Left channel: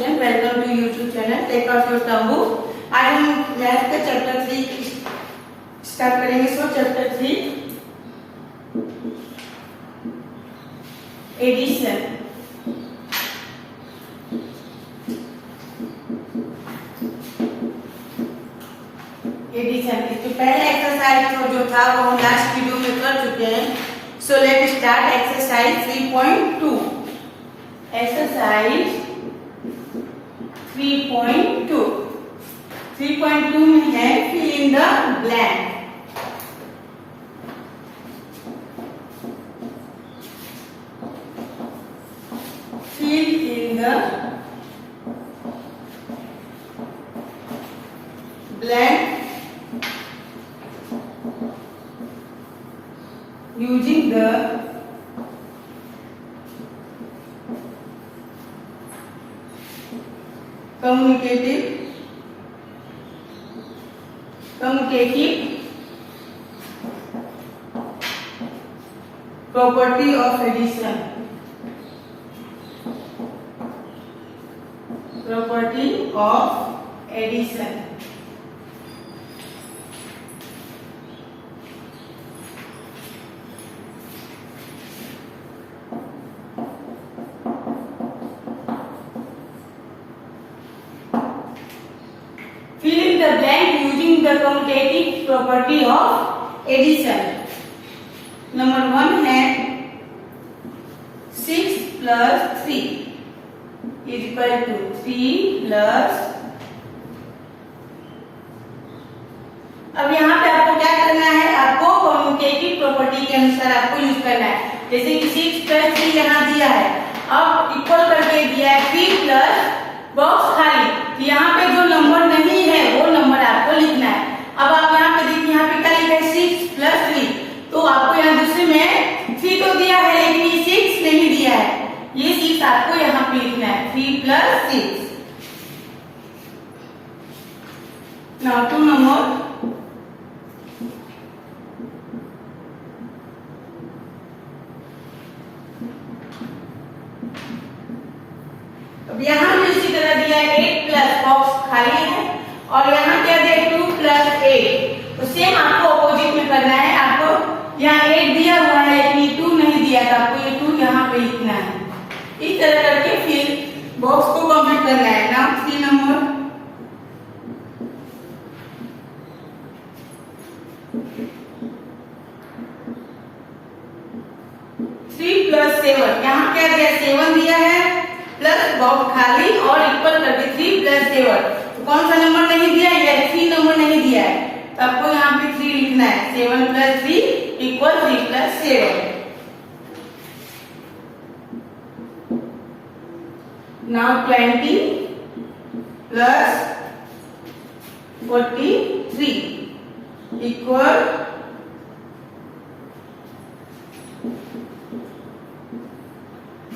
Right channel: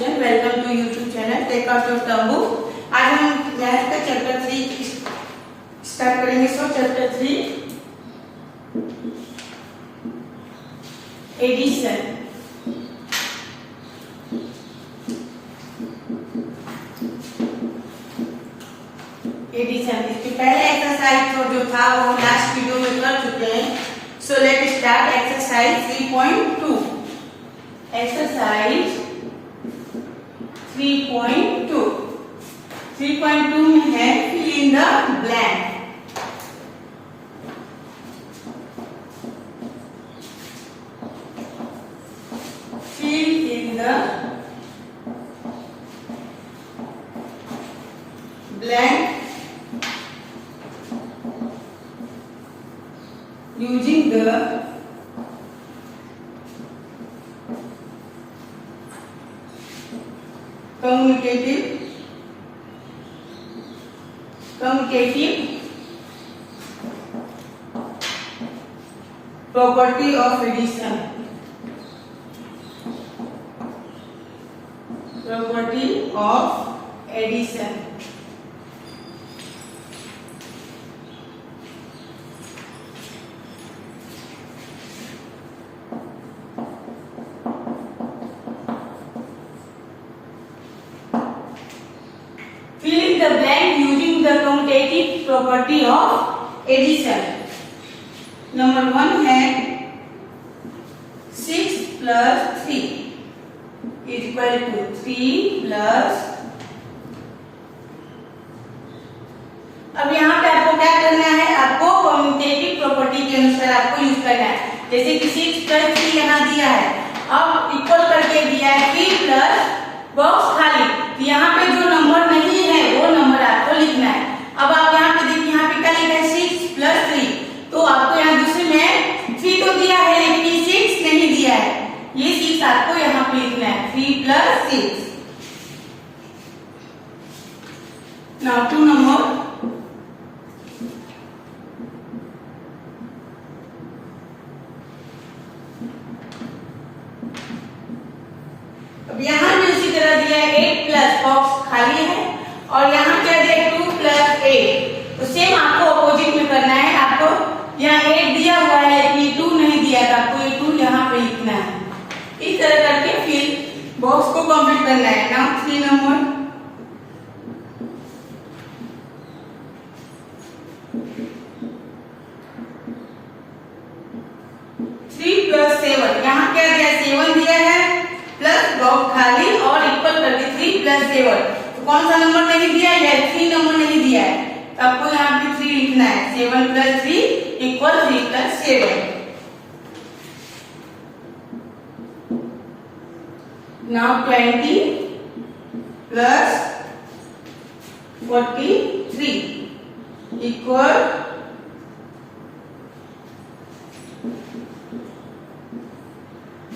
Student, welcome to YouTube channel take out your term book. आज हम math का chapter 3 start करेंगे। So chapter 3 addition. इसके पहले एक्सरसाइज जो था वो हम लास्ट वीडियो में कर चुके हैं। So let start exercise 3.2। Exercise 3.2 में है fill in the blank. Fill in the blank using the commutative property of addition. Property of addition. Fill the blank using the commutative property of addition. Number 1 है 6 plus 3 is equal to 3 plus। अब यहाँ पे आपको क्या करना है, आपको commutative property के अनुसार आपको यूज करना है। जैसे कि 6 plus 3 यहाँ दिया है, अब इक्वल करके दिया है 3 plus बॉक्स खाली, तो यहाँ पे जो नंबर नहीं है वो नंबर आपको लिखना है। अब आप यहाँ पे देखिए, यहाँ पे क्या लिखा है 6 plus 3, तो आपको यहाँ दूसरे में 3 तो दिया है लेकिन 6 नहीं दिया है, ये 6 आपको यहाँ पे लिखना है। 3 plus 6। Now 2 number. अब यहाँ भी उसी तरह दिया है 8 प्लस बॉक्स खाली है, और यहाँ क्या दिया है 2 plus 8, तो सेम आपको अपोजिट में करना है। आपको यहाँ 8 दिया हुआ है लेकिन 2 नहीं दिया, तो आपको ये 2 यहाँ पे लिखना है। इस तरह करके फिर बॉक्स को कंप्लीट करना है। Now 3 number. थ्री प्लस 7, यहाँ क्या दिया 7 दिया है प्लस बॉक्स खाली और इक्वल करके 3 plus 7, तो कौन सा नंबर नहीं दिया है, 3 नंबर नहीं दिया है, तो आपको यहाँ पे 3 लिखना है। 7 plus 3 equal 3 plus 7। Now 20 plus 43 equal.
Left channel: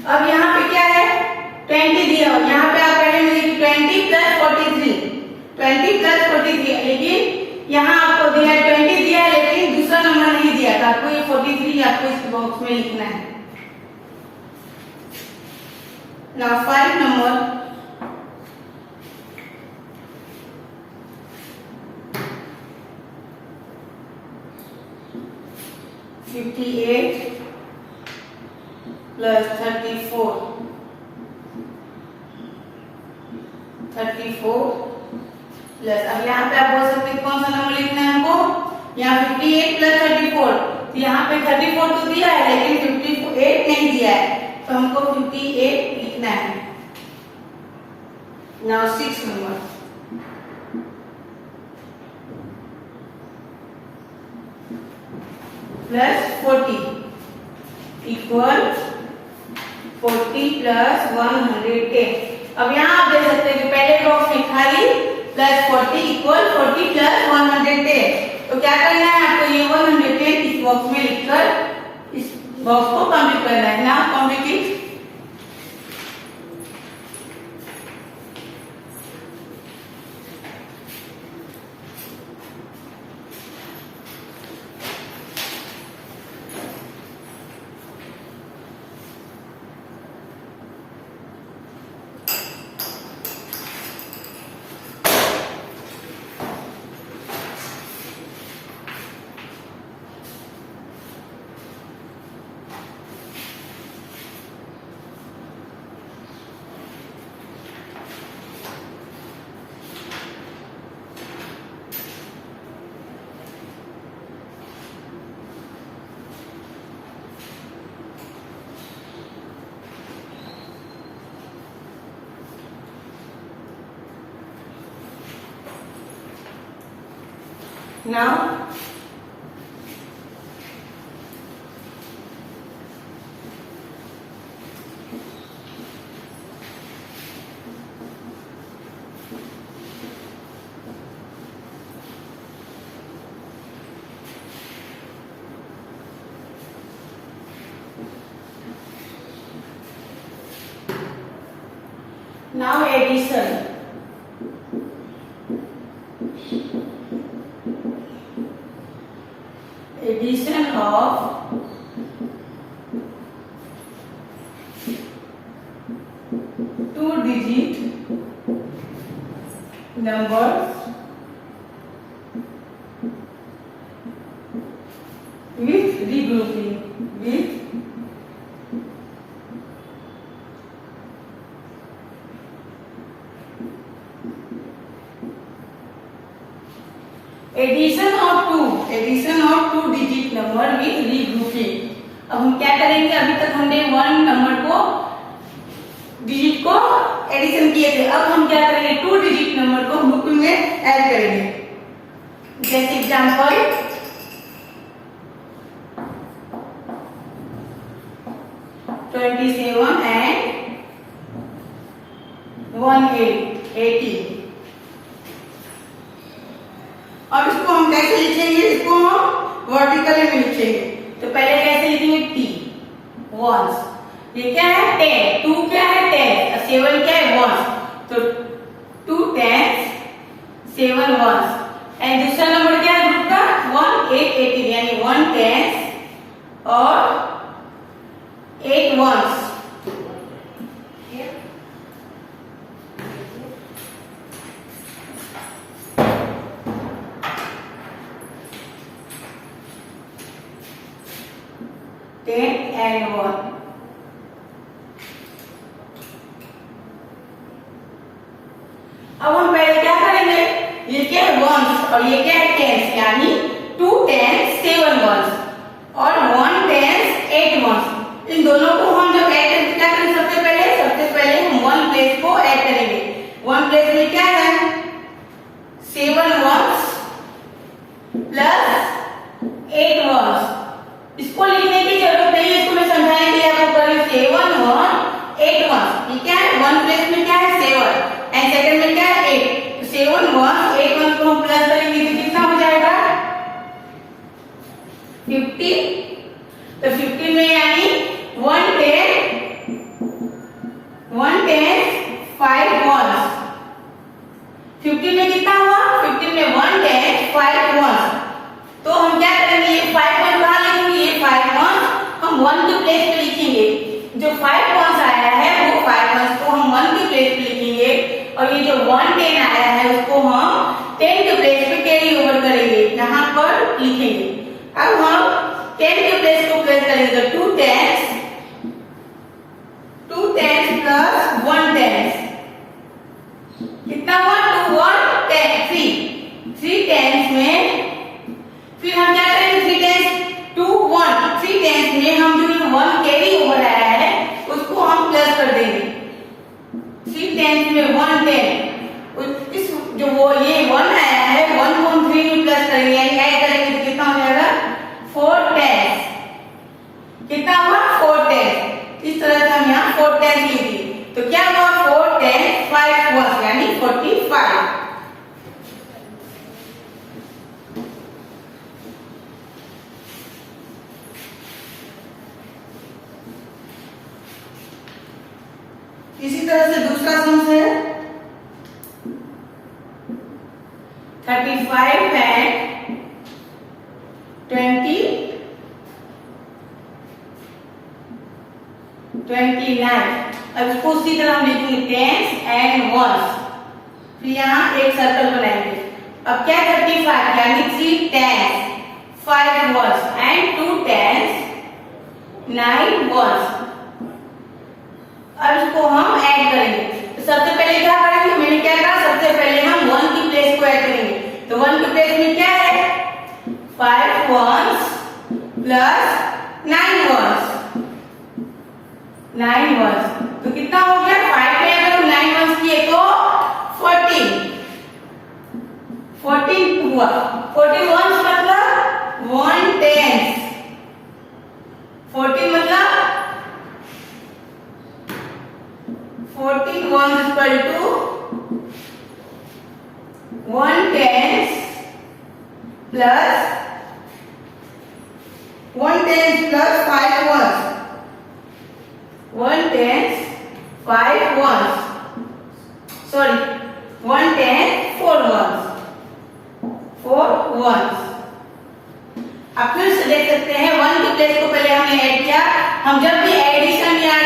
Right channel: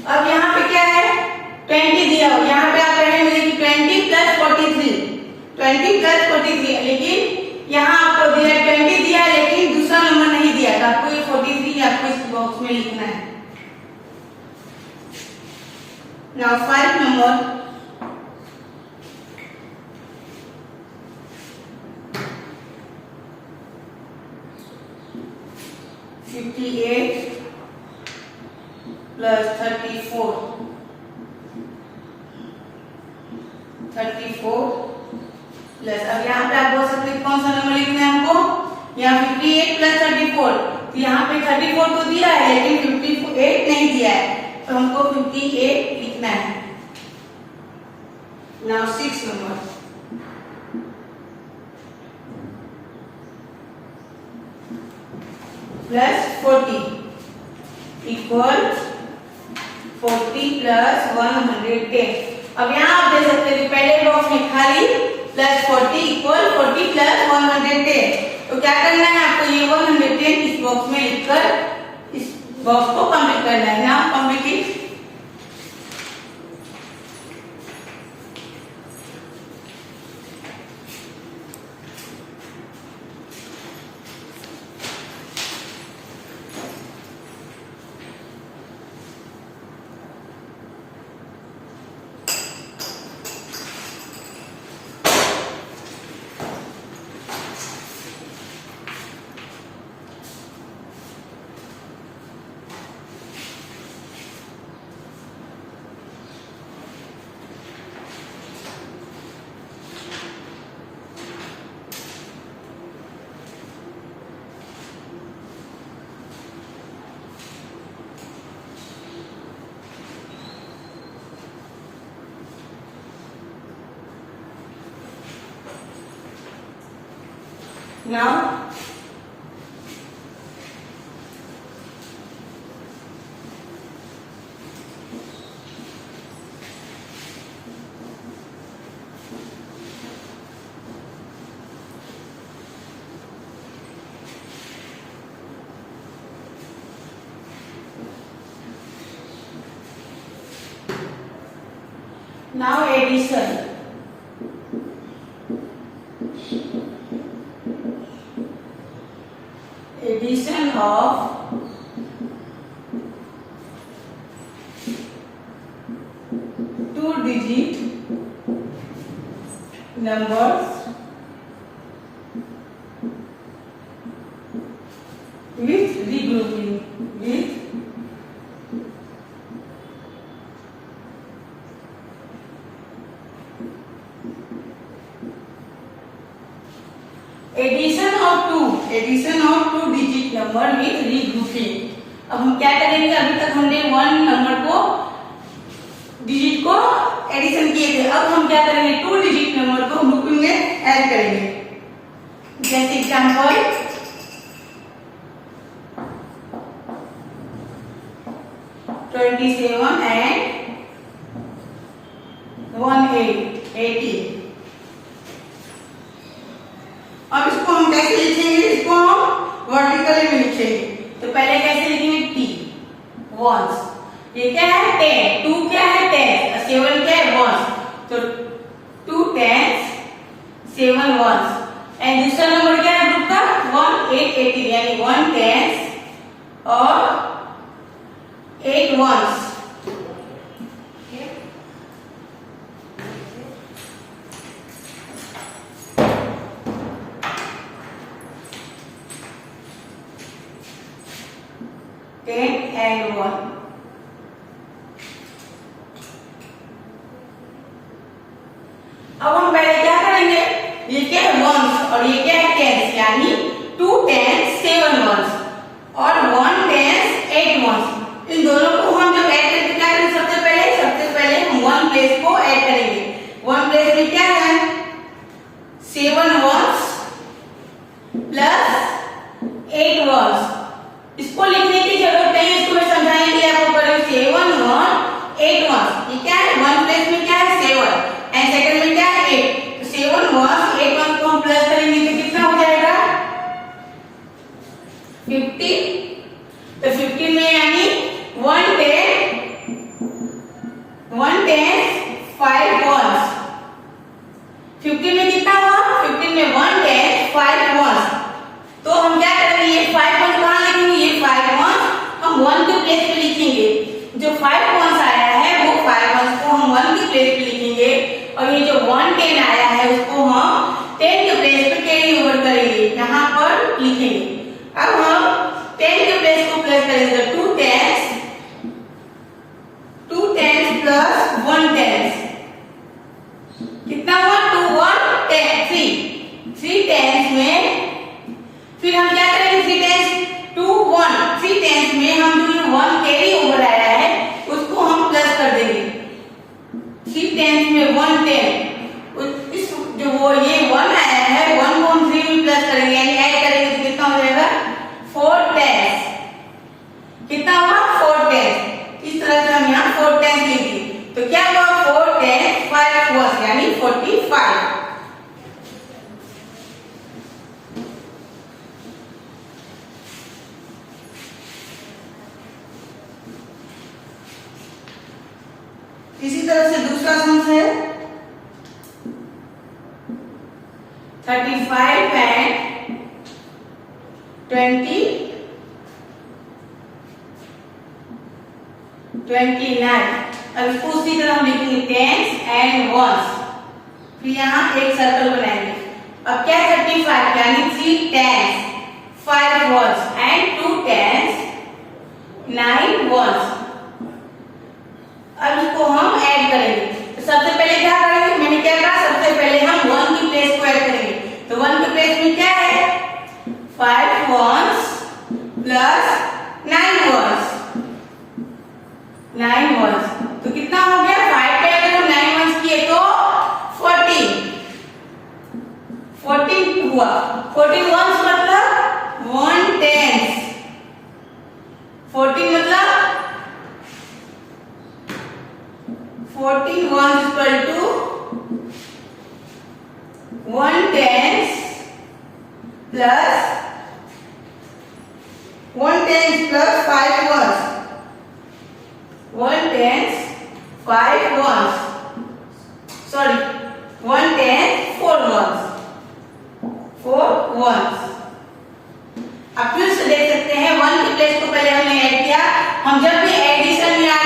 अब यहाँ पे क्या है 20 दिया हो, यहाँ पे आप कहेंगे कि 20 plus 43, 20 plus 43, लेकिन यहाँ आपको दिया है 20 दिया है लेकिन दूसरा नंबर नहीं दिया, तो आपको ये 43 आपको इस बॉक्स में लिखना है। Now 5 number. $58 plus 34 प्लस, अब यहाँ पे आप बोल सकते हैं कौन सा नंबर लिखना है हमको, यहाँ 58 plus 34, तो यहाँ पे 34 तो दिया है लेकिन 58 नहीं दिया है, तो हमको 58 लिखना है। Now 6 number. Plus 40 equal 40 plus 110। अब यहाँ आप देख सकते हैं कि पहले बॉक्स में खाली प्लस 40 इक्वल 40 plus 110, तो क्या करना है आपको, ये 110 इस बॉक्स में लिखकर इस बॉक्स को कंप्लीट करना है। Now complete. Now addition. Addition of two-digit numbers with regrouping. Addition of two digit number with regrouping. अब हम क्या करेंगे, अभी तक हमने वन नंबर को डिजिट को एडिशन किए थे, अब हम क्या करेंगे, टू डिजिट नंबर को ग्रुपिंग में ऐड करेंगे. जैसे एग्जांपल 27 and 180. अब इसको हम कैसे लिखेंगे, इसको हम वर्टिकल में लिखेंगे. तो पहले कैसे लिखेंगे, टी वंस, ये क्या है 10, 2 क्या है 10, 7 क्या है वंस, तो 2 10s 7 वंस. एंड दूसरा नंबर क्या है ग्रुप का 1880, यानी 1 10s और 8 वंस. 10 and 1. अब हम पहले क्या करेंगे, ये क्या है वंस और ये क्या है टेंस, यानी 2 10s 7 वंस और 1 10s 8 वंस. इन दोनों को हम जब ऐड करेंगे क्या करेंगे, सबसे पहले हम 1 प्लेस को ऐड करेंगे. 1 प्लेस में क्या है 7 वंस प्लस 8 वंस. इसको लिखने की जरूरत नहीं है, इसको मैं समझाने के लिए आपको पढ़ी 7 1 8 1. ये क्या है 1 प्लेस में क्या है 7 एंड सेकंड में क्या है 8. तो 7 1 8 1 को हम प्लस करेंगे तो कितना हो जाएगा 50. तो 15 में यानी 1 10 5 वंस. 15 में कितना हुआ, 15 में 1 10 5 वंस. तो हम क्या करेंगे, ये 5 वंस कहां लिखेंगे, ये 5 वंस हम 1 के प्लेस पे लिखेंगे. जो 5 वंस आया है वो 5 वंस को हम 1 के प्लेस पे लिखेंगे और ये जो 1 10 आया है उसको हम 10 के प्लेस पे कैरी ओवर करेंगे, यहाँ पर लिखेंगे. अब हम 10 के प्लेस को प्लेस करेंगे, 2 10s प्लस 1 10s कितना हुआ 2 1 10 3 10s में. फिर हम क्या करेंगे 3 10s 2 1 3 10s में हम जो 1 कैरी ओवर आया है उसको हम प्लस कर देंगे. 3 10s में 1 10 इस जो वो ये 1 आया है 1 को हम 3 में प्लस करेंगे यानी ऐड करेंगे तो कितना हो जाएगा 4 10s. कितना हुआ 4 10s. इस तरह से हम यहाँ 4 10s लिख दिए. तो क्या हुआ 4 10 5 वंस यानी 45. इसी तरह से दूसरा सम है 35 and 29. अब इसको उसी तरह हम लिखेंगे 10s and 1s. फिर यहाँ एक सर्कल बनाएंगे. अब क्या 35 यानी 3 10s 5 1s and 2 10s 9 1s. अब इसको हम ऐड करेंगे. तो सबसे पहले क्या करेंगे, मैंने क्या कहा सबसे पहले हम 1 की प्लेस को ऐड करेंगे. तो 1 की प्लेस में क्या है 5 1s प्लस 9 1s 9 1s. तो कितना हो गया 5 पे अगर हम 9 1s किए तो 14 हुआ. 14 वंस मतलब 1 टेंस, 14 मतलब 14 ones equal to 1 tens plus 1 tens plus 5 ones, 1 tens 5 ones, sorry 1 tens 4 ones, 4 ones. अब फिर से देख सकते हैं 1 के प्लेस को पहले हमने ऐड किया। हम जब भी एडिशन या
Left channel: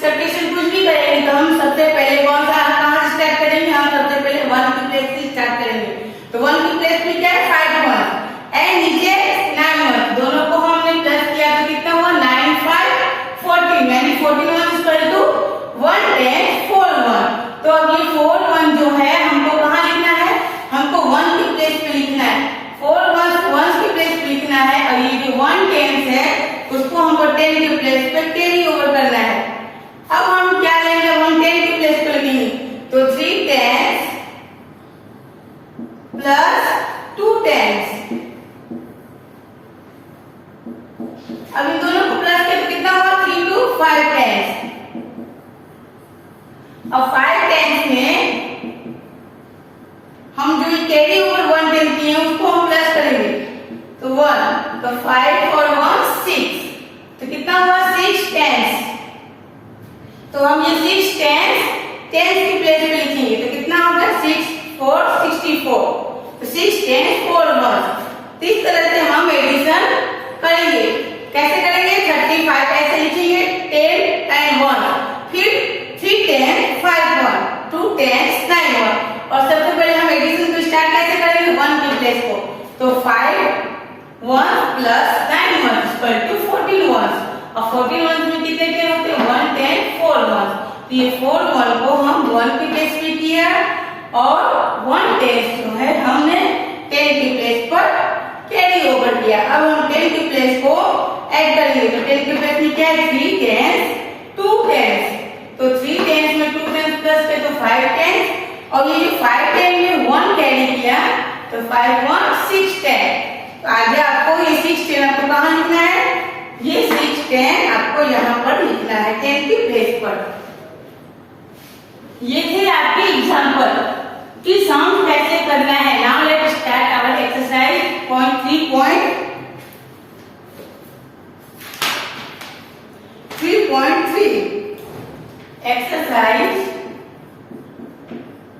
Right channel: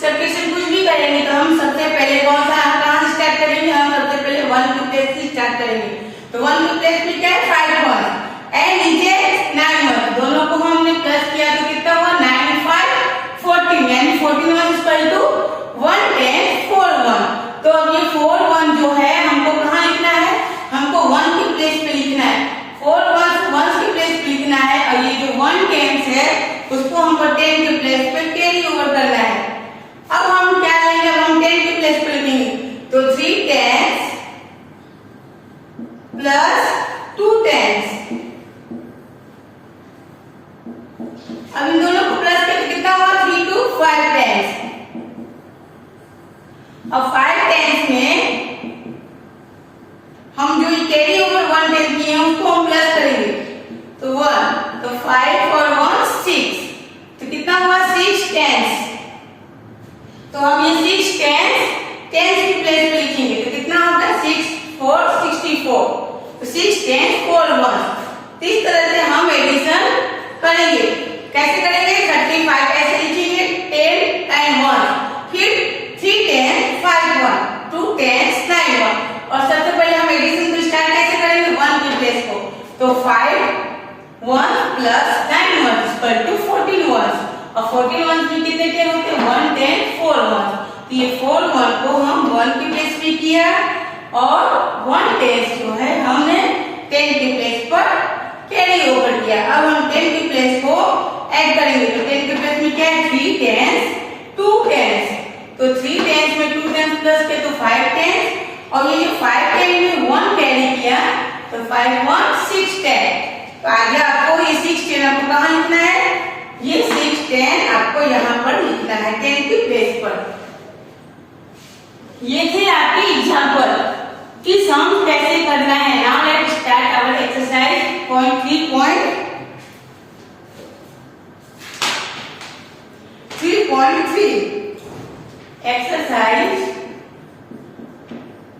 सब्ट्रैक्शन कुछ भी करेंगे तो हम सबसे पहले कौन सा कहां से स्टार्ट करेंगे? हम सबसे पहले 1 के प्लेस से स्टार्ट करेंगे। तो 1 के प्लेस में क्या है? 5 वंस एंड नीचे 9 वंस, दोनों को हमने प्लस किया तो कितना हुआ? 9 5 14, यानी 14 ones equal to 1 tens 4 ones. तो अब ये 4 वंस जो है हमको कहां लिखना है? हमको 1 के प्लेस पे लिखना है, 4 वंस के प्लेस पे लिखना है। और ये जो 1 टेंस है उसको हमको 10 के प्लेस पे कैरी ओवर करना है। अब हम क्या लेंगे? हम 10 के प्लेस पे लिखेंगे तो 3 टेंस प्लस 2 टेंस। अब इन दोनों को प्लस करके कितना हुआ? 3 to 5 टेंस। अब 5 टेंस में हम जो कैरी ओवर 1 टेंस किए हैं उसको हम प्लस करेंगे तो 1, तो 5 और 1 6, तो कितना हुआ? 6 टेंस। तो हम ये 6 टेंस टेंस की प्लेस पे लिखेंगे तो कितना होगा? 6 4 64, तो 6 टेंस 4 वंस। इस तरह से हम एडिशन करेंगे। कैसे करेंगे? 35 ऐसे लिखेंगे 10 टाइम 1, फिर 3 टेंस 5 1, 2 टेंस 9 1। और सबसे पहले हम एडिशन को स्टार्ट कैसे करेंगे? 1 के प्लेस को, तो 5 1 प्लस 9 1 इक्वल टू 14 वंस। और 14 वंस में कितने टेन होते हैं? 1 10 4 वंस। तो ये 4 1 को हम 1 के प्लेस पे किया और 1 टेंस जो है हमने 10 के प्लेस पर कैरी ओवर किया। अब हम 10 के प्लेस को ऐड करेंगे तो 10 के प्लेस में क्या है? 3 टेंस 2 टेंस, तो 3 टेंस में 2 टेंस प्लस के तो 5 टेंस। और ये जो 5 टेंस में 1 कैरी किया तो 5 1 6 टेंस। तो आगे आपको ये 6 टेंस आपको कहां लिखना है? ये 6 टेंस आपको यहाँ पर लिखना है 10 के प्लेस पर। ये थे आपके एग्जांपल कि सम कैसे करना है। Now let's start our exercise point 3.3 exercise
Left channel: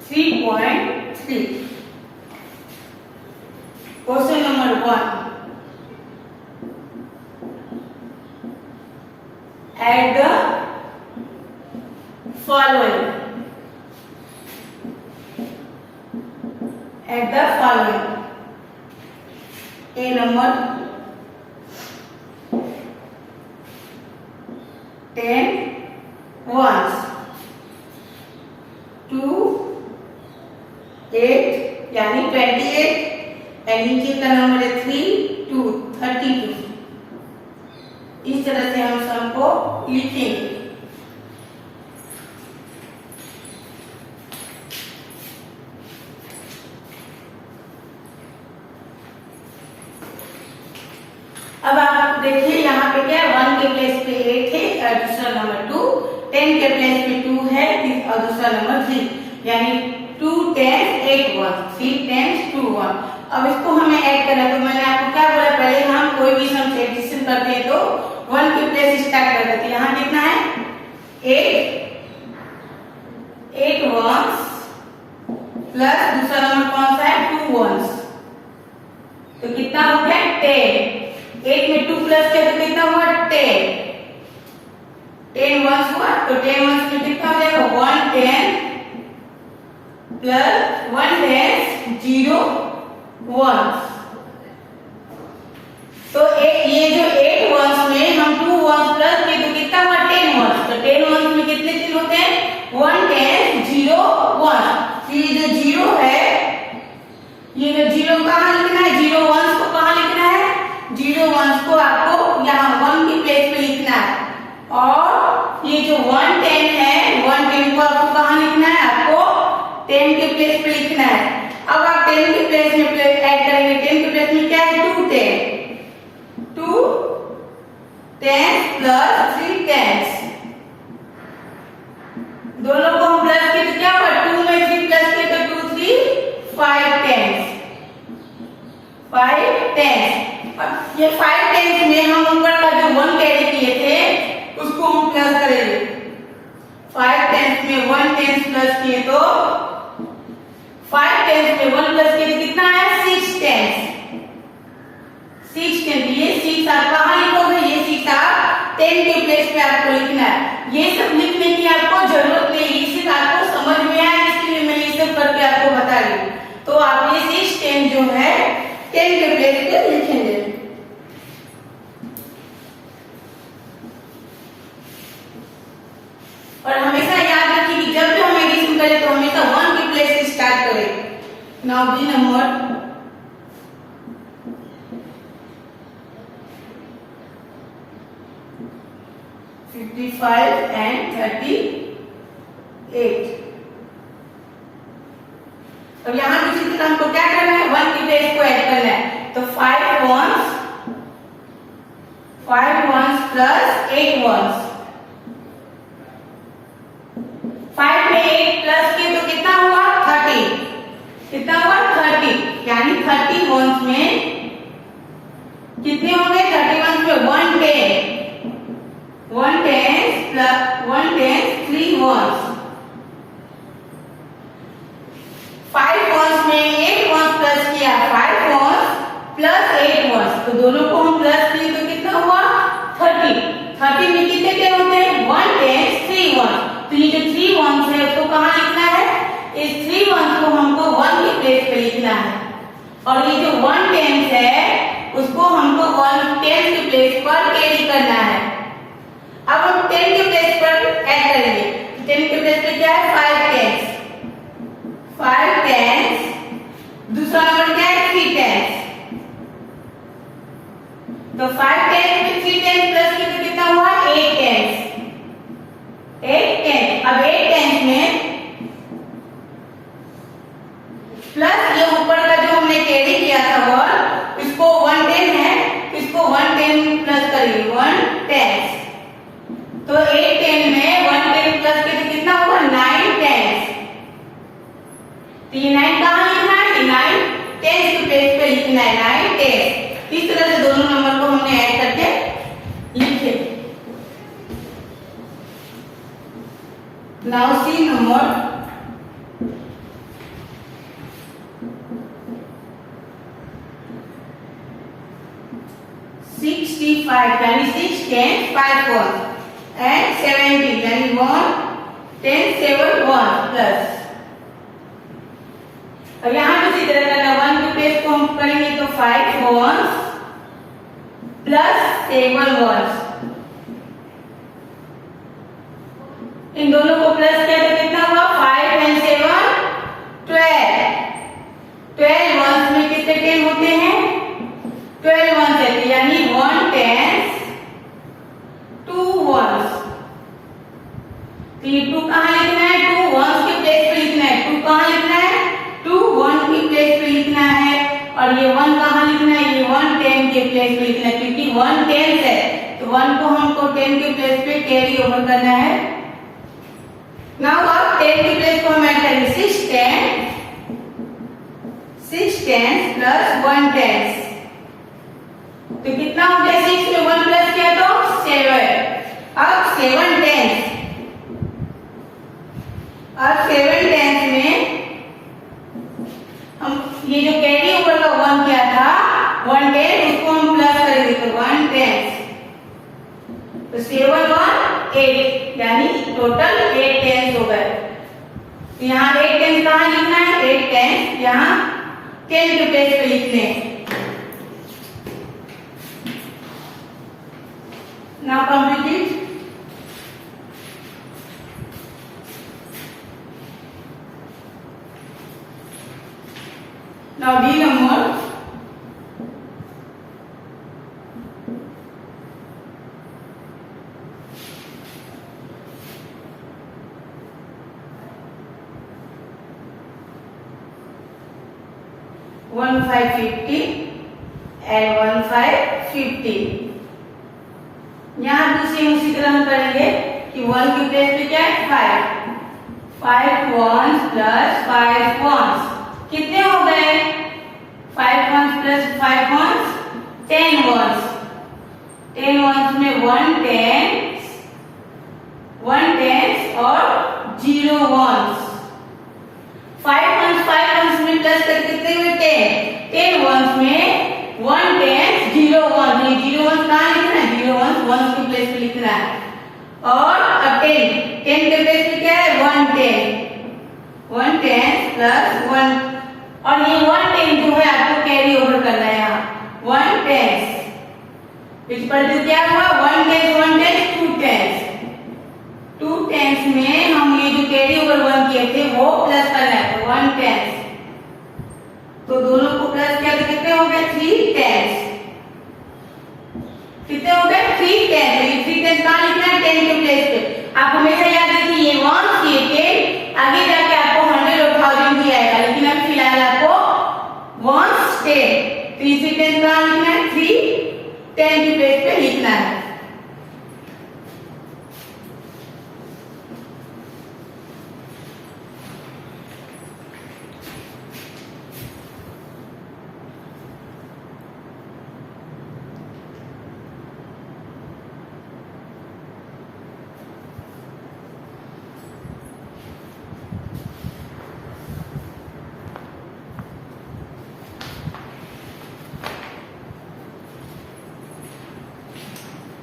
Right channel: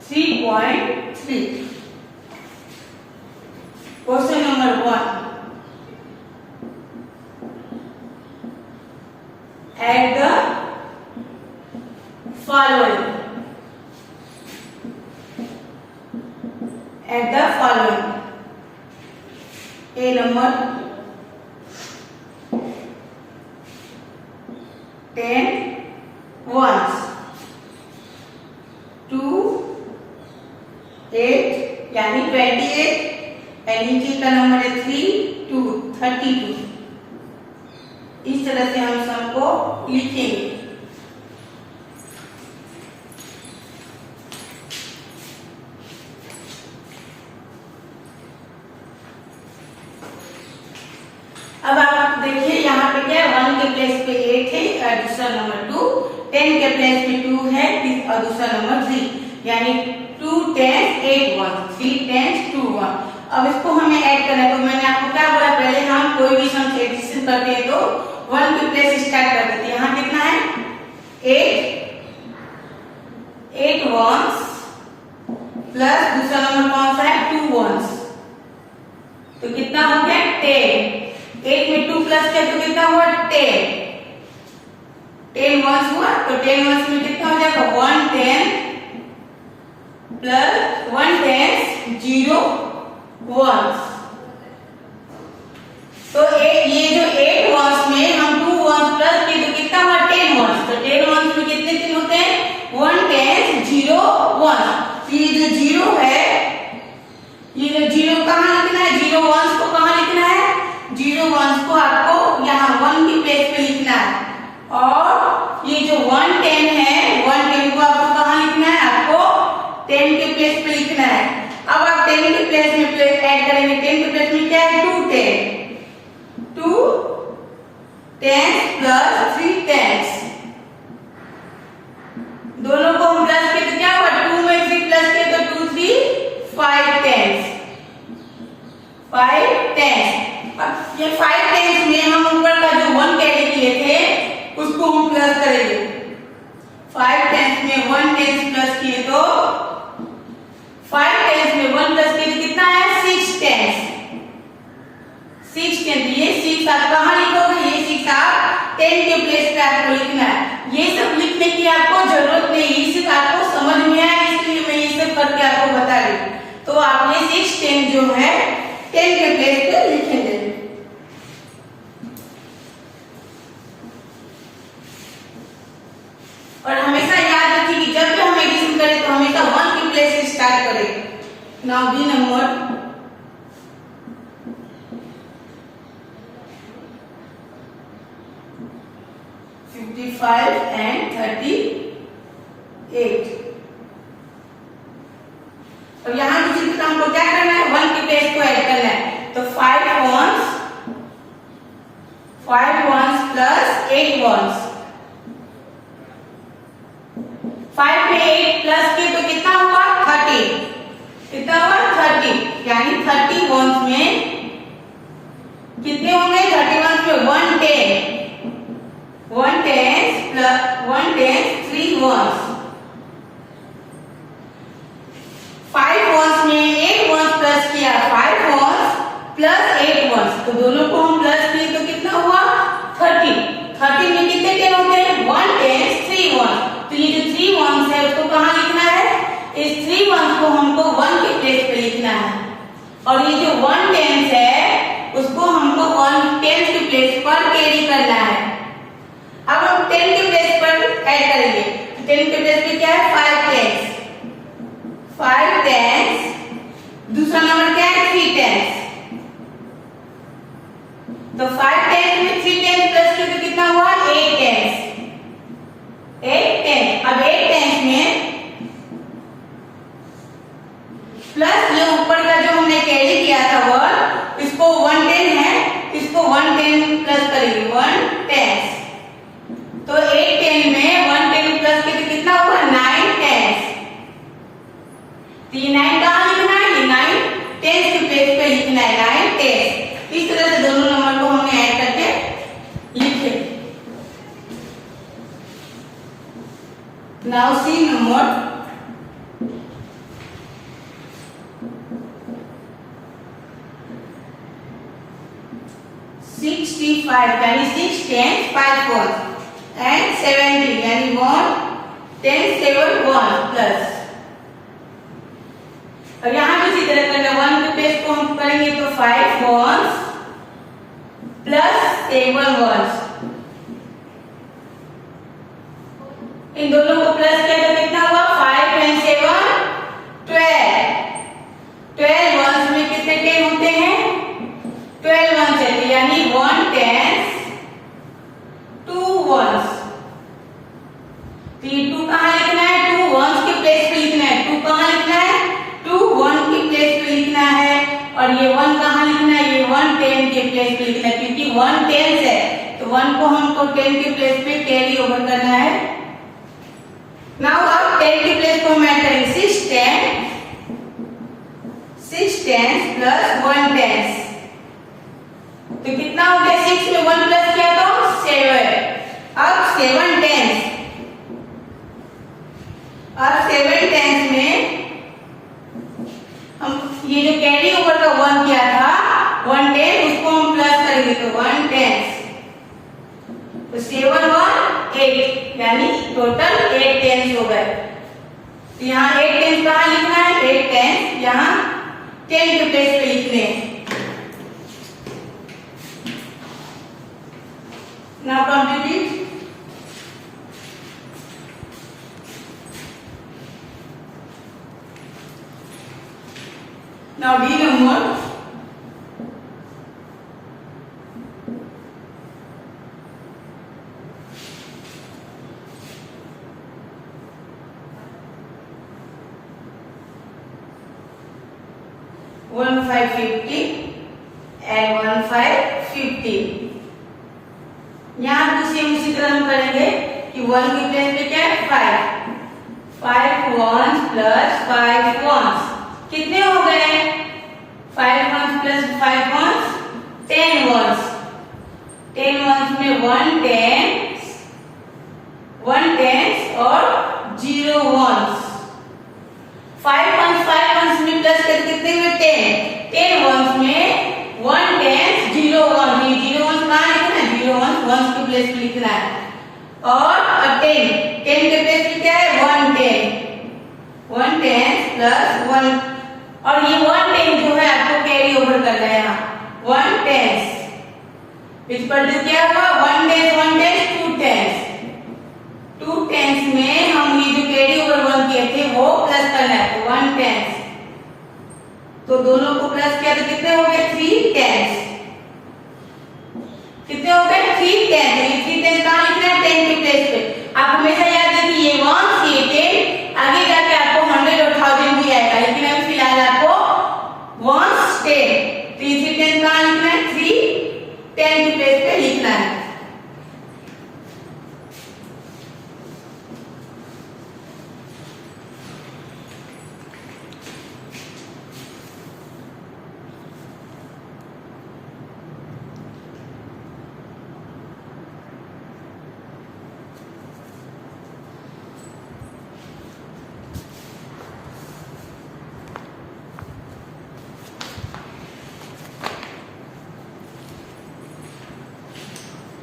3.3 question number 1, add the following. Add the following. A number 10 ones, 2 8 यानी 28 और नीचे का नंबर है 3 2 32। इस तरह से हम सम को लिखेंगे। अब आप देखिए यहाँ पे क्या 1 के प्लेस पे 8 है और दूसरा नंबर 2, 10 के प्लेस पे 2 है और दूसरा नंबर 3, यानी 2 10 8 1, 3 10 2 1। अब इसको हमें ऐड करना है तो मैंने आपको क्या बोला? पहले हम कोई भी सम एडिशन करते हैं तो 1 के प्लेस स्टार्ट कर देते हैं। यहाँ कितना है? 8 वंस प्लस दूसरा नंबर कौन सा है? 2 वंस, तो कितना हो गया? 10। 8 में 2 प्लस किया तो कितना हुआ? 10 वंस हुआ, तो 10 वंस में कितना हो जाएगा? 1 10 प्लस 1 10 0 वंस। तो ये जो 8 वंस में हम 2 वंस प्लस किए तो कितना हुआ? 10 वंस। तो 10 वंस में कितने 10 होते हैं? 1 10 0 1। ये जो 0 है, ये जो 0 कहाँ लिखना है? 0 वंस को कहाँ लिखना है? 0 वंस को आपको यहाँ 1 की प्लेस पे लिखना है। और ये जो 1 10 है, 1 10 को आपको कहाँ लिखना है? आपको 10 के प्लेस पे लिखना है। अब आप 10 के प्लेस में ऐड करेंगे, 10 के टेंस प्लस 3 टेंस, दोनों को हम प्लस किए तो क्या हुआ, 2 में 3 प्लस किए तो 2 3 5 टेंस, 5 टेंस। अब ये 5 टेंस में हम ऊपर का जो 1 कैरी किए थे उसको हम प्लस करेंगे। 5 टेंस में 1 टेंस प्लस किए तो 5 टेंस में 1 प्लस किए तो कितना आया, 6 टेंस। 6 टेंस, ये 6 आप कहाँ लिखोगे, ये 6 आप 10 के प्लेस पे आपको लिखना है। ये सब लिखने की आपको जरूरत नहीं, सिर्फ आपको समझ में आए इसलिए मैं ये सब करके आपको बता रही हूँ। तो आप ये 6 10 जो है 10 के प्लेस पे लिखेंगे। और हमेशा याद रखिए कि जब भी हम एडिशन करें तो हमेशा 1 के प्लेस से स्टार्ट करें। Now B number 55 and 38। अब यहाँ किसी तरह हमको क्या करना है, 1 के प्लेस को ऐड करना है। तो 5 ones प्लस 8 ones, 5 में 8 प्लस किए तो कितना हुआ, 30। कितना हुआ, 30, यानी 30 ones में कितने होंगे, 30 ones में 1 10, 1 tens plus 1 tens 3 ones, 5 ones में 8 ones प्लस किया, 5 ones प्लस 8 ones, तो दोनों को हम प्लस किए तो कितना हुआ, 30। 30 में कितने टेन होते हैं, 1 tens 3 ones। तो ये जो 3 ones है उसको कहाँ लिखना है, इस 3 ones को हमको 1 के प्लेस पे लिखना है। और ये जो 1 tens है उसको हमको 1 tens के प्लेस पर कैरी करना है। अब हम 10 के प्लेस पर ऐड करेंगे। 10 के प्लेस पे क्या है, 5 टेंस, 5 टेंस, दूसरा नंबर क्या है, 3 टेंस। तो 5 टेंस में 3 टेंस प्लस किया तो कितना हुआ, 8 टेंस, 8 टेंस। अब 8 टेंस में प्लस ये ऊपर का जो हमने कैरी किया था वो, इसको 1 10 है, इसको 1 10 प्लस करिए, 1 टेंस। तो 8 10 में 1 10 प्लस करके कितना हुआ, 9 टेंस। तो ये 9 कहाँ लिखना है, ये 9 टेंस के प्लेस पे लिखना है, 9 टेंस। इस तरह से दोनों नंबर को हमने ऐड करके लिखे। नाउ सी नंबर 65, यानी 6 10 5 ones and 70, यानी 1 10 7 1 प्लस। और यहाँ भी इसी तरह करना, 1 के प्लेस को हम करेंगे तो 5 ones प्लस 7 ones, इन दोनों को प्लस किया तो कितना हुआ, 5 and 7 12। 12 ones में कितने 10 होते हैं, 12 ones है, यानी 1 tens 2 ones। तो ये 2 कहाँ लिखना है, 2 ones के प्लेस पे लिखना है। 2 कहाँ लिखना है, 2 1 के प्लेस पे लिखना है। और ये 1 कहाँ लिखना है, ये 1 10 के प्लेस पे लिखना है, क्योंकि 1 tens है तो 1 को हमको 10 के प्लेस पे कैरी ओवर करना है। नाउ अब 10 के प्लेस को हम ऐड करेंगे, 6 tens प्लस 1 tens, तो कितना हो गया, 6 में 1 प्लस किया तो 7। अब 7 टेंस, अब 7 टेंस में हम ये जो कैरी ओवर का 1 किया था, 1 टेंस, उसको हम प्लस करेंगे तो 1 टेंस, तो 7 1 8, यानी टोटल 8 टेंस हो गए। तो यहाँ 8 टेंस कहाँ लिखना है, 8 टेंस यहाँ 10 के प्लेस पे लिखने हैं। Now complete it. Now D number 1550 and 1550. Same उसी तरह हम करेंगे कि 1 के प्लेस पे क्या है 5 ones प्लस 5 ones कितने हो गए 5 ones plus 5 ones 10 ones 10 ones में 1 tens और 0 ones 5 ones में प्लस करके कितने हुए 10 ones में 1 tens 0 1 ये 0 ones कहाँ लिखना है 0 ones के प्लेस पे लिखना है और अब 10 के प्लेस पे क्या है 1 tens प्लस 1 और ये 1 10 जो है आपको कैरी ओवर करना है यहाँ 1 tens इक्वल टू क्या हुआ 1 tens 2 tens में हम ये जो कैरी ओवर 1 किए थे वो प्लस करना है तो 1 tens तो दोनों को प्लस किया तो कितने हो गए 3 tens कितने हो गए 3 tens तो ये 3 tens कहाँ लिखना है 10 के प्लेस पे आप हमेशा याद रखिए ये 1 ये 10 आगे जाके आपको 100 और 1000 भी आएगा लेकिन अभी फिलहाल आपको 1 10 तो ये 3 tens कहाँ लिखना है 3 10 के प्लेस पे लिखना है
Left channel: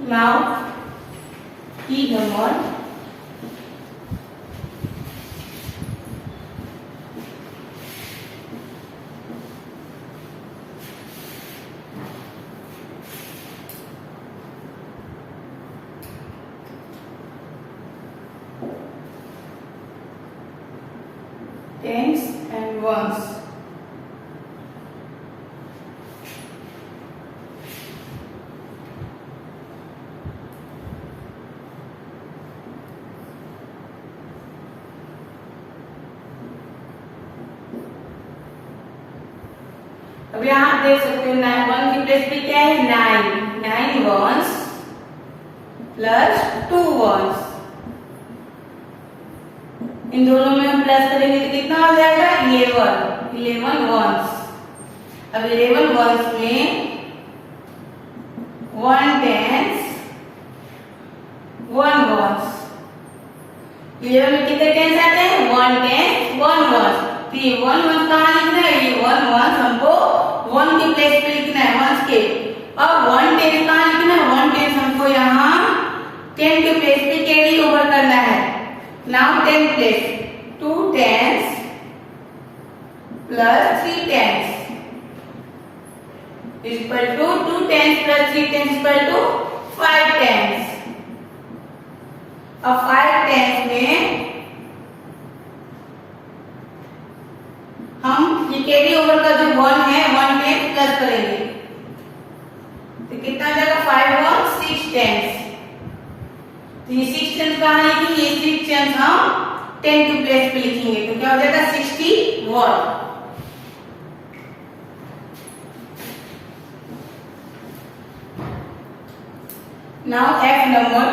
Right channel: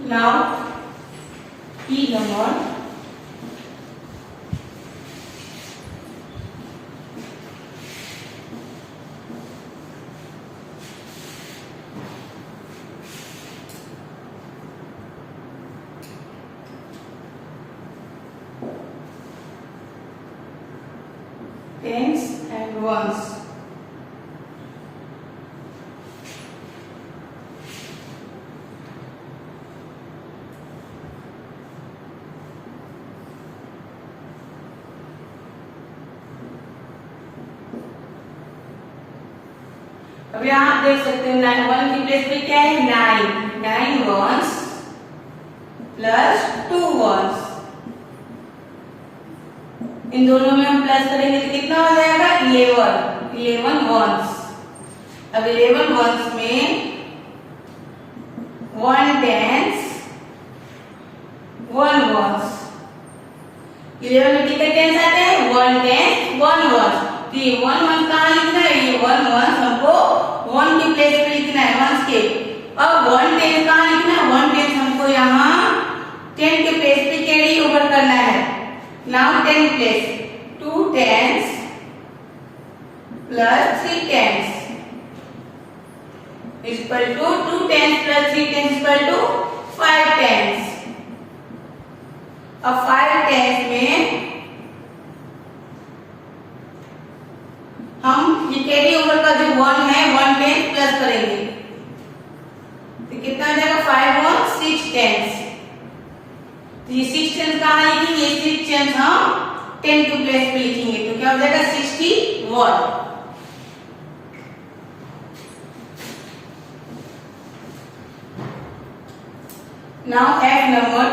Now, key number tens and ones. अब यहाँ आप देख सकते हैं 1 की प्लेस पे क्या है 9 ones प्लस 2 ones इन दोनों में हम प्लस करेंगे तो कितना हो जाएगा 11 ones अब 11 ones में 1 tens 1 ones 11 में कितने टेंस आते हैं 1 tens 1 ones तो ये 1 1 कहाँ लिखना है ये 1 1 हमको 1 के प्लेस पे लिखना है वंस के अब 1 10 कहाँ लिखना है 1 10 हमको यहाँ 10 के प्लेस पे कैरी ओवर करना है now 10 place 2 tens plus 3 tens equal to 2 tens plus 3 tens equal to 5 tens अब 5 tens में हम ये कैरी ओवर का जो 1 है 1 10 प्लस करेंगे तो कितना आ जाएगा 5 1 6 tens तो ये 6 tens कहाँ आएगी ये 6 tens हम 10 के प्लेस पे लिखेंगे तो क्या हो जाएगा 61 now add number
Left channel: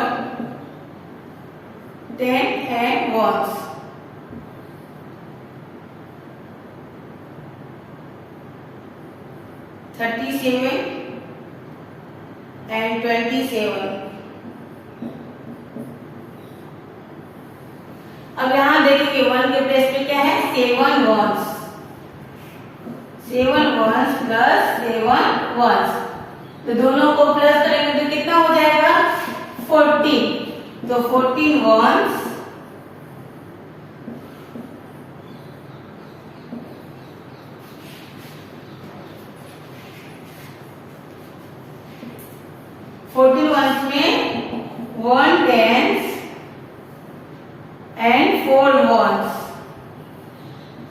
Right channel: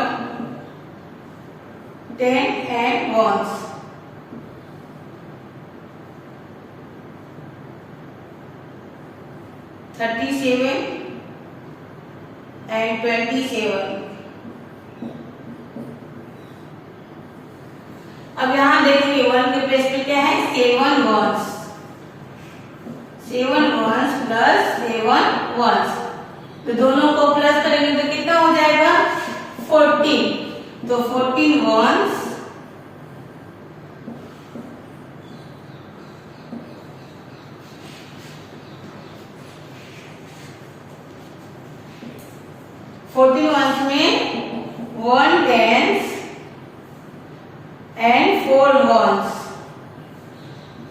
10 and ones 37 and 27 अब यहाँ देखिए 1 के प्लेस पे क्या है 7 ones प्लस 7 ones तो दोनों को प्लस करेंगे तो कितना हो जाएगा 14 तो 14 ones में 1 tens and 4 ones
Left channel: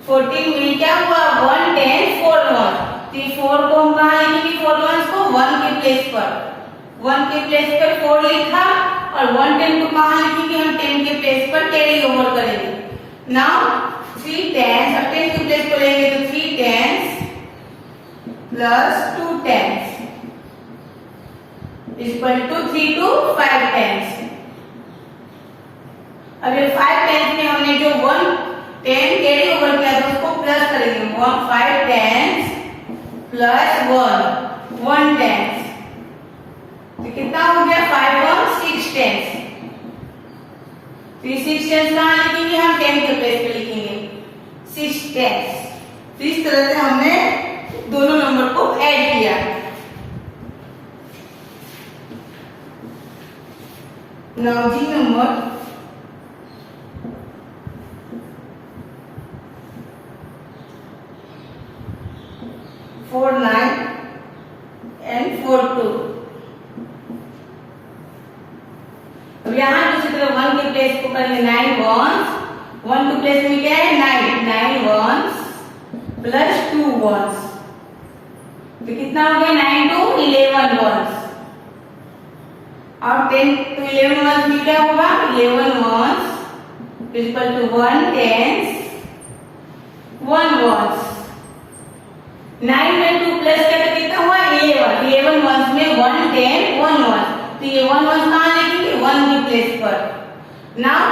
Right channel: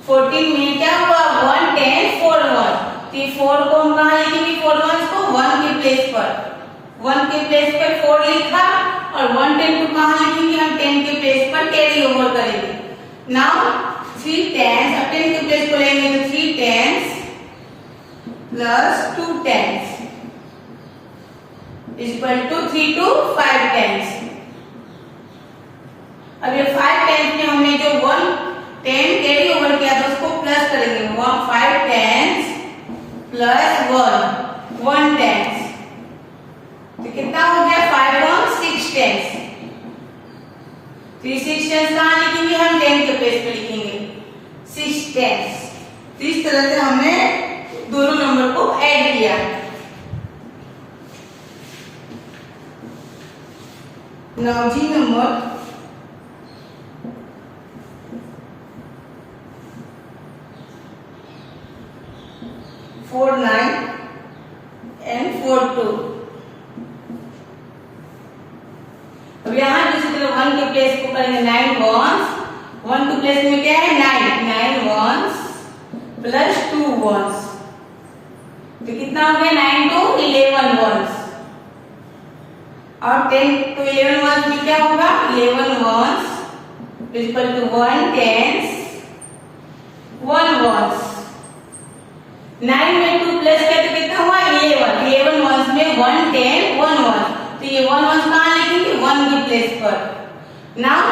14 में क्या हुआ 1 tens 4 ones तो 4 को हम कहाँ लिखेंगे 4 ones को 1 के प्लेस पर 4 लिखा और 1 10 को कहाँ लिखेंगे हम 10 के प्लेस पर कैरी ओवर करेंगे नाउ 3 tens अब 10 के प्लेस को लेंगे तो 3 tens plus 2 tens equal to 3 to 5 tens. अब ये 5 टेंस में हमने जो 1 10 कैरी ओवर किया तो उसको प्लस करेंगे। 5 टेंस प्लस 1 टेंस, तो कितना हो गया? 5 और 6 टेंस। तो ये 6 टेंस कहाँ लिखेंगे? हम 10 के प्लेस पे लिखेंगे 6 टेंस। तो इस तरह से हमने दोनों नंबर को ऐड किया। Now G number 49 and 42। अब यहाँ दूसरी तरफ 1 के प्लेस को करेंगे 9 वंस। 1 टू प्लेस में क्या है? 9 वंस प्लस 2 वंस, तो कितना हो गया? 9 to 11 वंस। और 10 to 11 वंस में क्या होगा? 11 ones equal to 1 tens 1 ones. 9 में 2 प्लस किया तो कितना हुआ? 11 वंस में 1 10 1 वंस, तो ये 1 वंस कहाँ लिखेंगे? 1 की प्लेस पर। नाउ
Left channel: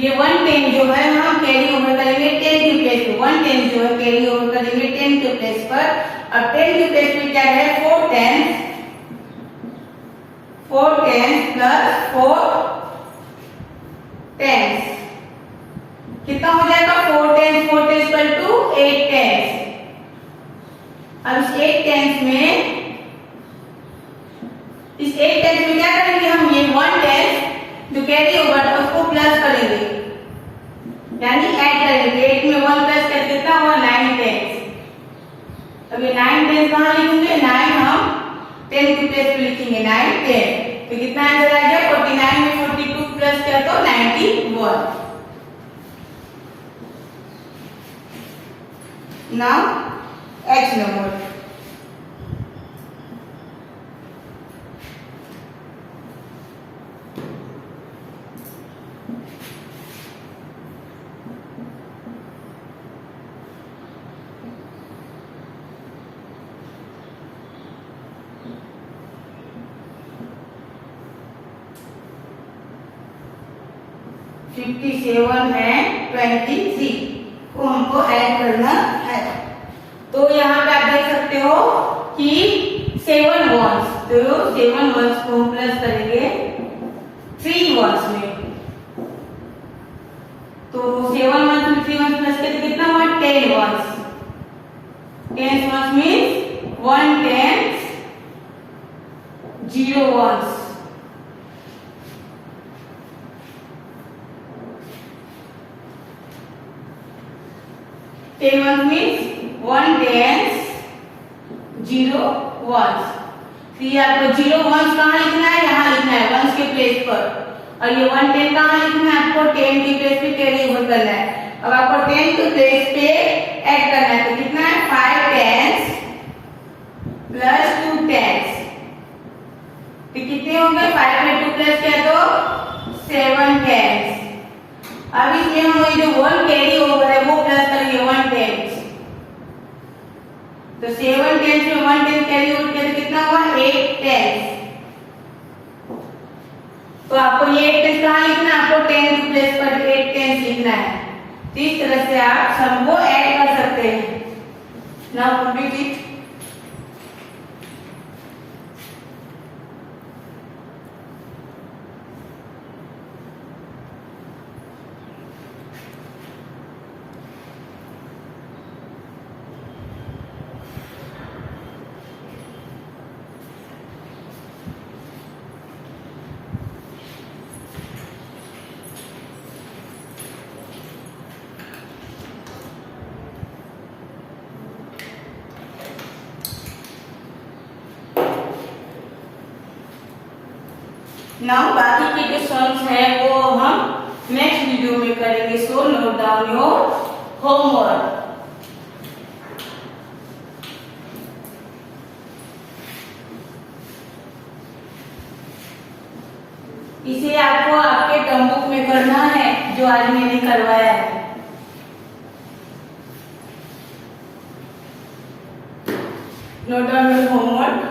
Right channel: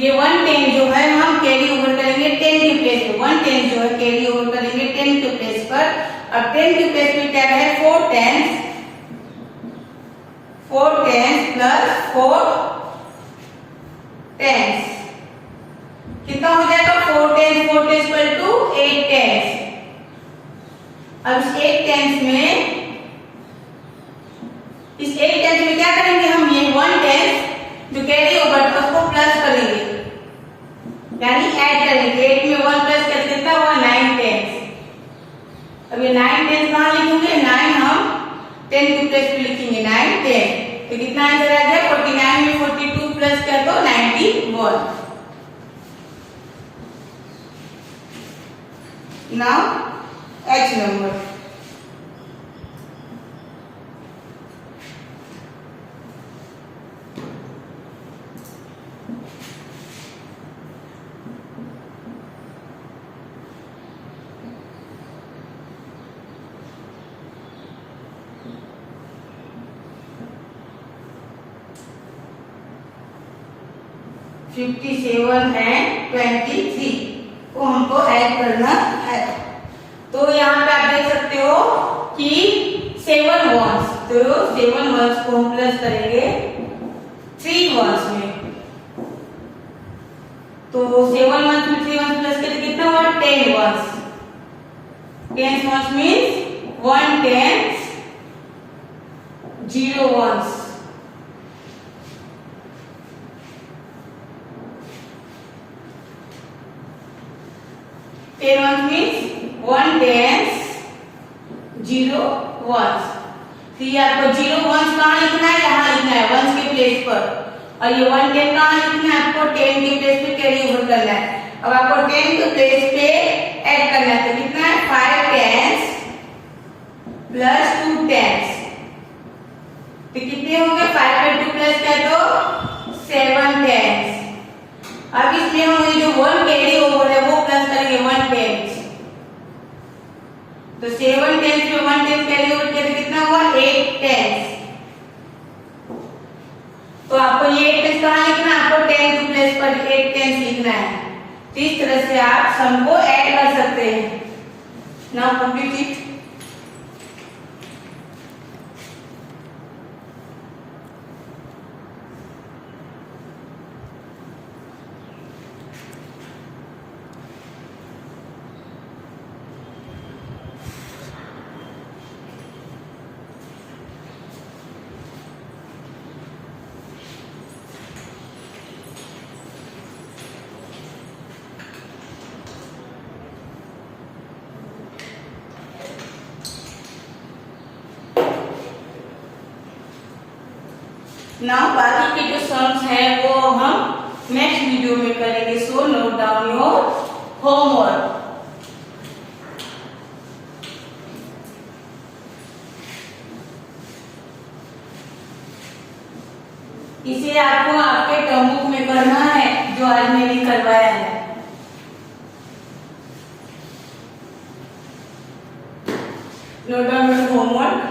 ये 1 10 जो है हम कैरी ओवर करेंगे 10 की प्लेस पे। 1 10 जो है कैरी ओवर करेंगे 10 के प्लेस पर। अब 10 के प्लेस पे क्या है? 4 टेंस प्लस 4 टेंस, कितना हो जाएगा? 4 टेंस इक्वल टू 8 टेंस। अब इस 8 टेंस में क्या करेंगे हम? ये 1 टेंस जो कैरी ओवर था उसको प्लस करेंगे, यानी ऐड करेंगे। 8 में 1 प्लस करके कितना हुआ? 9 टेंस। अब ये 9 टेंस कहाँ लिखेंगे? 9 हम 10 की प्लेस पे लिखेंगे 9 10, तो कितना आंसर आ गया? 49 में 42 प्लस किया तो 91। नाउ H नंबर 57 and 23 को हमको ऐड करना है। तो यहाँ पे आप देख सकते हो कि 7 वंस, तो 7 वंस को हम प्लस करेंगे 3 वंस में, तो 7 वंस में 3 वंस प्लस करके कितना हुआ? 10 ones. 10 ones means 1 tens 0 ones. Ten means 1 tens 0 ones. तो ये आपको 0 वंस कहाँ लिखना है? यहाँ लिखना है 1 के प्लेस पर। और ये 1 10 कहाँ लिखना है? आपको 10 के प्लेस पे कैरी ओवर करना है। अब आपको 10 के प्लेस पे ऐड करना है, तो कितना है? 5 टेंस प्लस 2 टेंस, तो कितने होंगे? 5 में 2 प्लस किया तो 7 टेंस। अब इसमें हम जो 1 कैरी ओवर है वो प्लस करेंगे 1 टेंस, तो 7 टेंस में 1 टेंस कैरी ओवर किया तो कितना हुआ? 8 टेंस। तो आपको ये 8 टेंस कहाँ लिखना है? आपको 10 की प्लेस पर 8 टेंस लिखना है। तो इस तरह से आप सम को ऐड कर सकते हैं। Now complete it. नाउ बाकी के जो सम्स हैं वो हम नेक्स्ट वीडियो में करेंगे। So note down your homework. इसे आपको आपके टर्म बुक में करना है जो आज मैंने करवाया है। Note down your homework.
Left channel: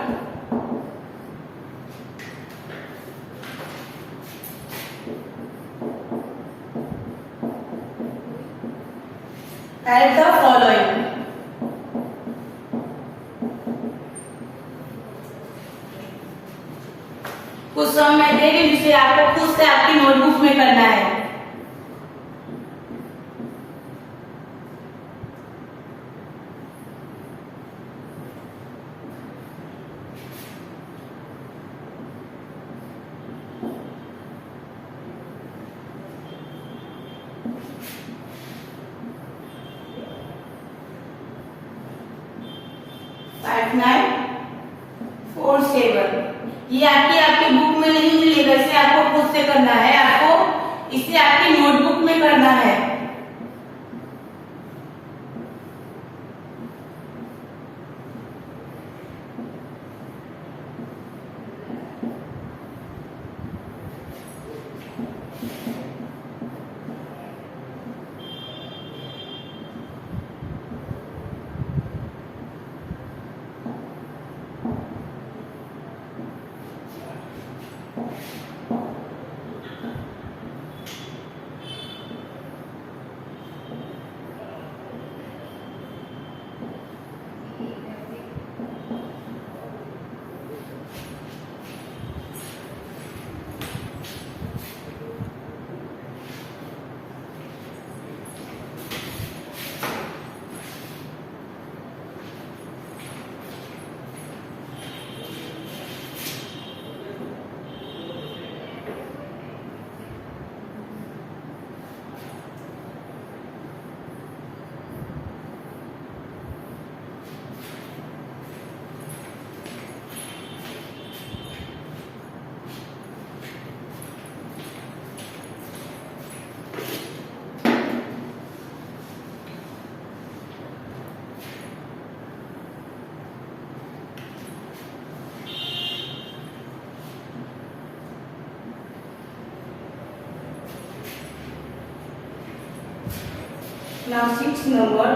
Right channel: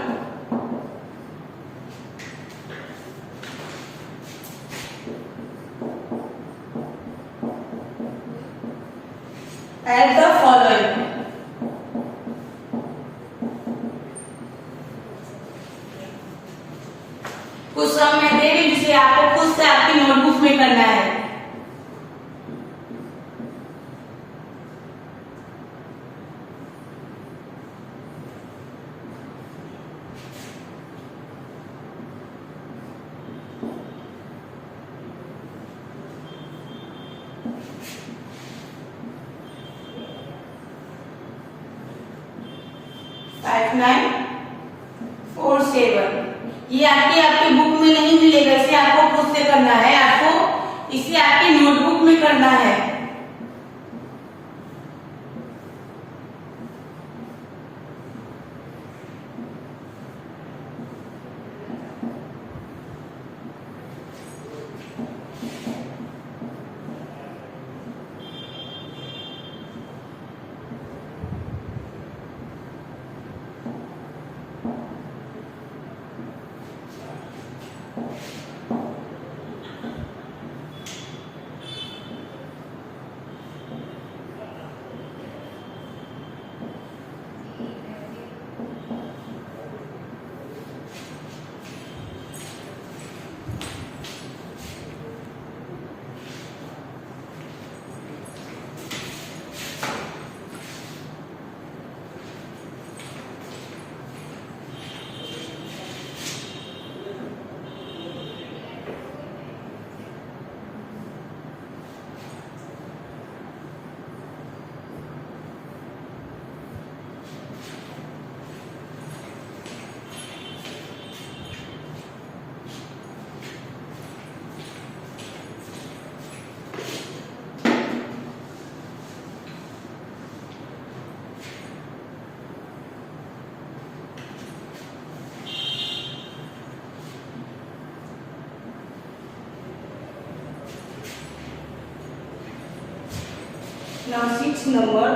At the following. कुछ सम मैं दे रही जिसे आपको खुद से आपकी नोटबुक में करना है। फाइव 9 4 7 ये आपके बुक में नहीं मिलेगा, इसे आपको खुद से करना है, आपको इसे आपकी नोटबुक में करना है। Now 6 number.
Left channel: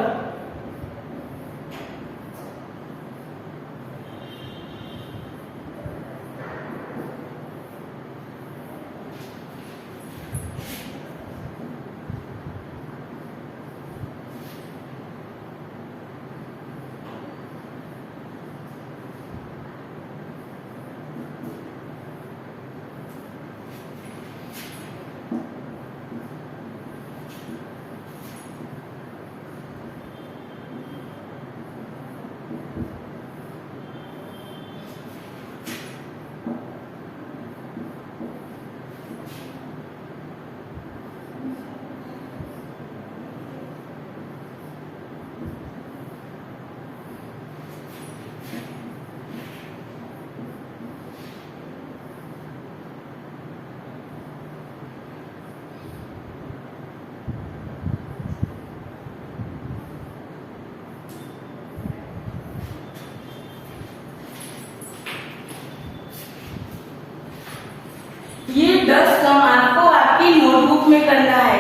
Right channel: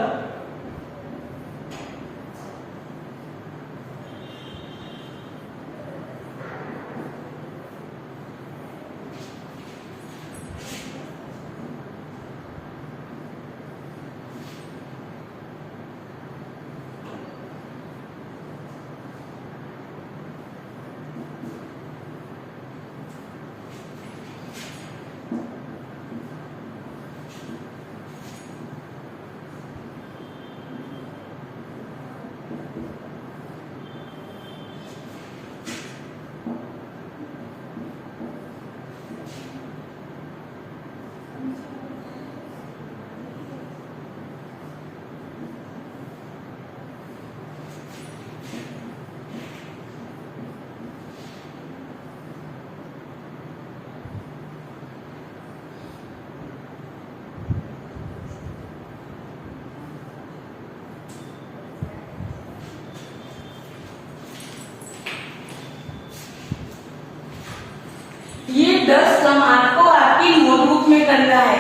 ये 10 सम आपको आपकी नोटबुक में करना है।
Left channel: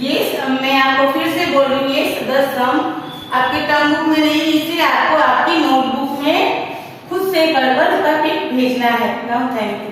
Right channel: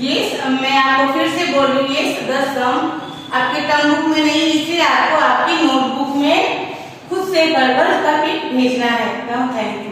ये मैं आपको फिर से बोल रही हूँ, ये 10 सम आपके टर्म बुक में नहीं, इसे आपको आपकी नोटबुक में खुद से कर भेजना है। Thank you.